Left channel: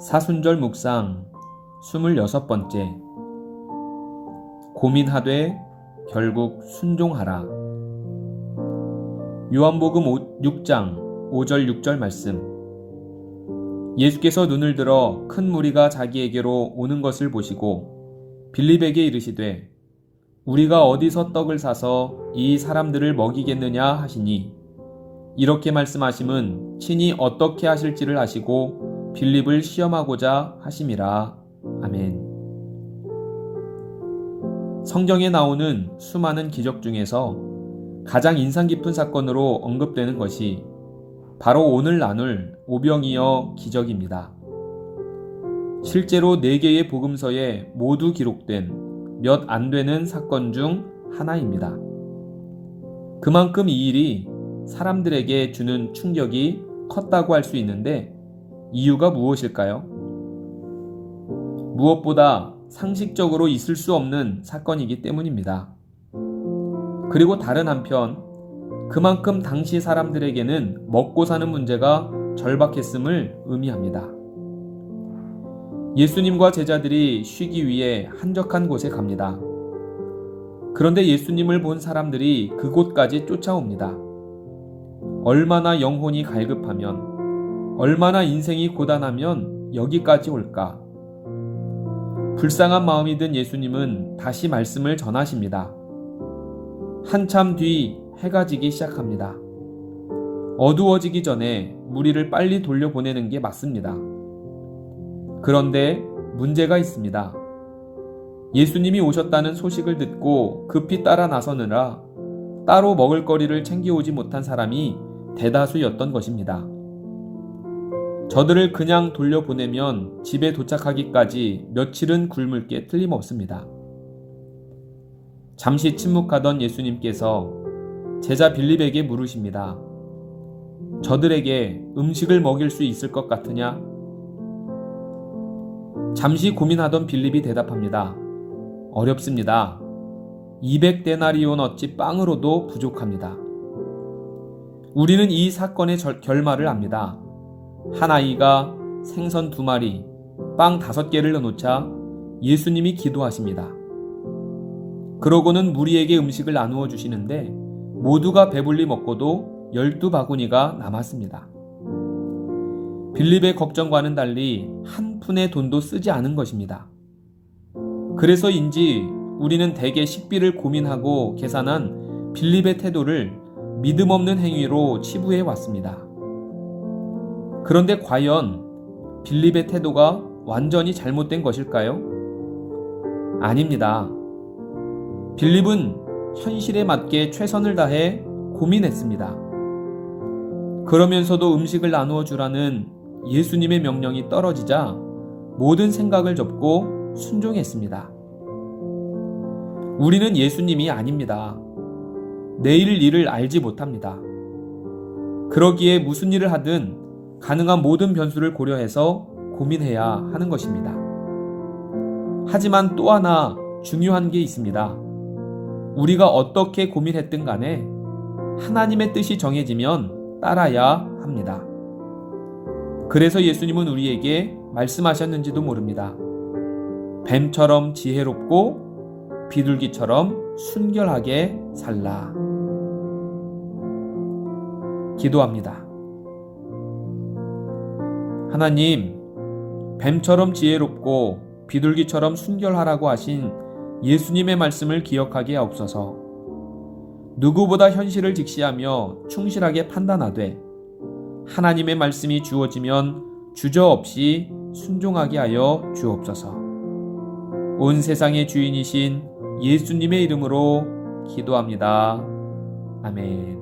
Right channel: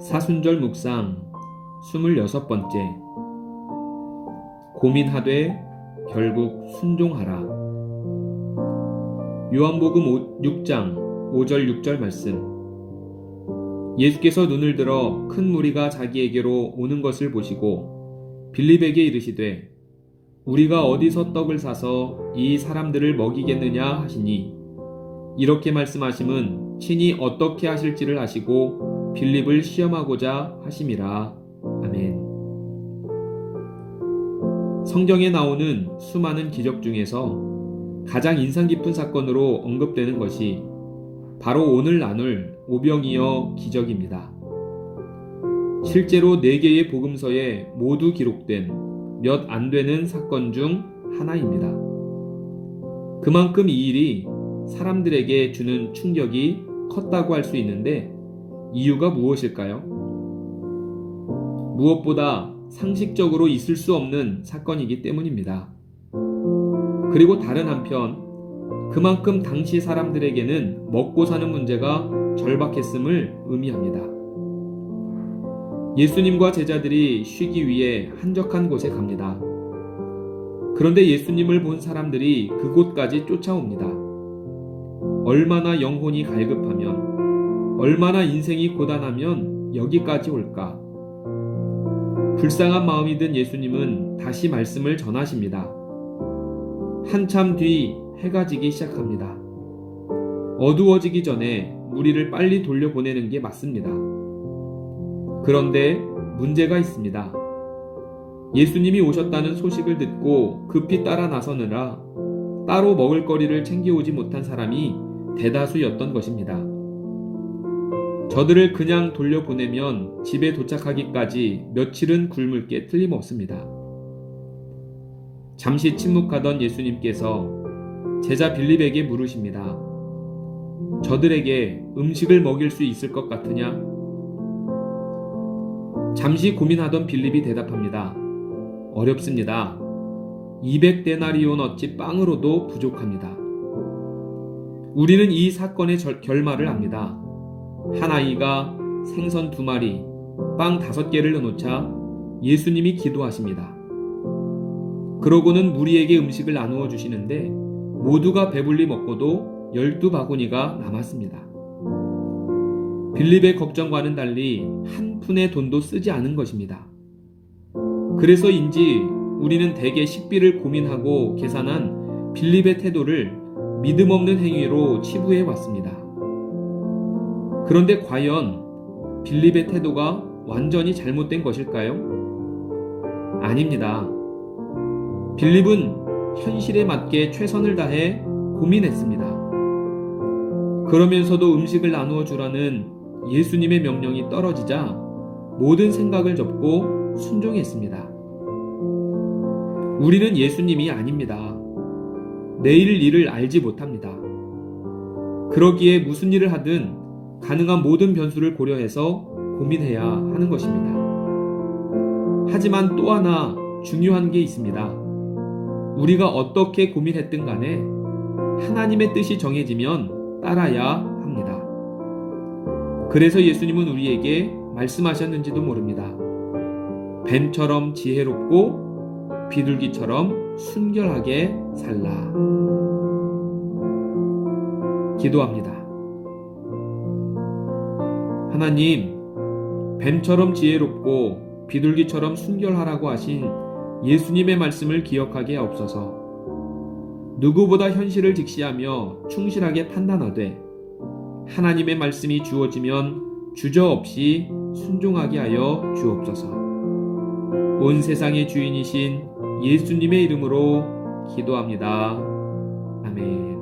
사순절 묵상 26번째. 고민하되 결국 순종하라. 요한복음 6장 5절 6절 말씀. 예수께서 눈을 들어 큰 무리가 자기에게로 오는 것을 보시고 빌립에게 이르시되 우리가 어디서 떡을 사서 이 사람들을 먹이겠느냐 하시니, 이렇게 말씀하심은 친히 어떻게 하실지를 아시고 빌립을 시험하고자 하심이라. 아멘. 성경에 나오는 수많은 기적 중에서 가장 인상 깊은 사건으로 언급되는 것이 바로 오늘 나눌 오병이어 기적입니다. 실제로 4개의 복음서에 모두 기록된 몇 안 되는 사건 중 하나입니다. 그만큼 이 일이 사람들에게 주는 충격이 컸다고 할 수 있는데, 이유가 무엇일까요? 무엇보다 상식적으로 있을 수 없는 사건이기 때문입니다. 그리고 다른 한편, 그만큼 당시 사람들에게는 먹고 사는 문제가 절박했음을 의미합니다. 예수님과 제자들이 쉬기 위해 한적한 곳에 갑니다. 그런데 예수님을 본 사람들이 그곳까지 쫓아옵니다. 얼마나 영혼이 갈급하면, 얼마나 인생이 고단하면 여기까지 올까? 불쌍한 마음이 든 예수님은 다시 말씀을 전하십니다. 한참 뒤 해가 지기 시작합니다. 어두워지기 전에 무리를 빨리 돌려보내는 게 맞습니다. 그런데 문제가 있습니다. 예수님이 오셨다는 소식을 듣고 급히 따라 나서느라 따로 먹을 거리를 챙겨오지 못한 사람이 대다수였던 것입니다. 저들을 그냥 돌려보내면 집에 도착하기까지 며칠은 굶을 게 틀림없습니다. 잠시 침묵하던 예수님께서 제자 빌립에게 물으십니다. 저들에게 음식을 먹일 수 있을 것 같으냐? 잠시 고민하던 빌립이 대답합니다. 어렵습니다. 200데나리온 어치 빵으로도 부족합니다. 우리는 이 사건의 결말을 압니다. 한 아이가 생선 2마리, 빵 5개를 넣어놓자 예수님이 기도하십니다. 그러고는 무리에게 음식을 나누어 주시는데 모두가 배불리 먹고도 12바구니가 남았습니다. 빌립의 걱정과는 달리 한 푼의 돈도 쓰지 않은 것입니다. 그래서인지 우리는 대개 식비를 고민하고 계산한 빌립의 태도를 믿음 없는 행위로 치부해 왔습니다. 그런데 과연 빌립의 태도가 완전히 잘못된 것일까요? 아닙니다. 빌립은 현실에 맞게 최선을 다해 고민했습니다. 그러면서도 음식을 나누어 주라는 예수님의 명령이 떨어지자 모든 생각을 접고 순종했습니다. 우리는 예수님이 아닙니다. 내일 일을 알지 못합니다. 그러기에 무슨 일을 하든 가능한 모든 변수를 고려해서 고민해야 하는 것입니다. 하지만 또 하나 중요한 게 있습니다. 우리가 어떻게 고민했든 간에 하나님의 뜻이 정해지면 따라야 합니다. 그래서 예수님은 우리에게 말씀하셨는지도 모릅니다. 뱀처럼 지혜롭고 비둘기처럼 순결하게 살라. 기도합니다. 하나님, 뱀처럼 지혜롭고 비둘기처럼 순결하라고 하신 예수님의 말씀을 기억하게 하옵소서. 누구보다 현실을 직시하며 충실하게 판단하되 하나님의 말씀이 주어지면 주저없이 순종하게 하여 주옵소서. 온 세상의 주인이신 예수님의 이름으로 기도합니다. 아멘.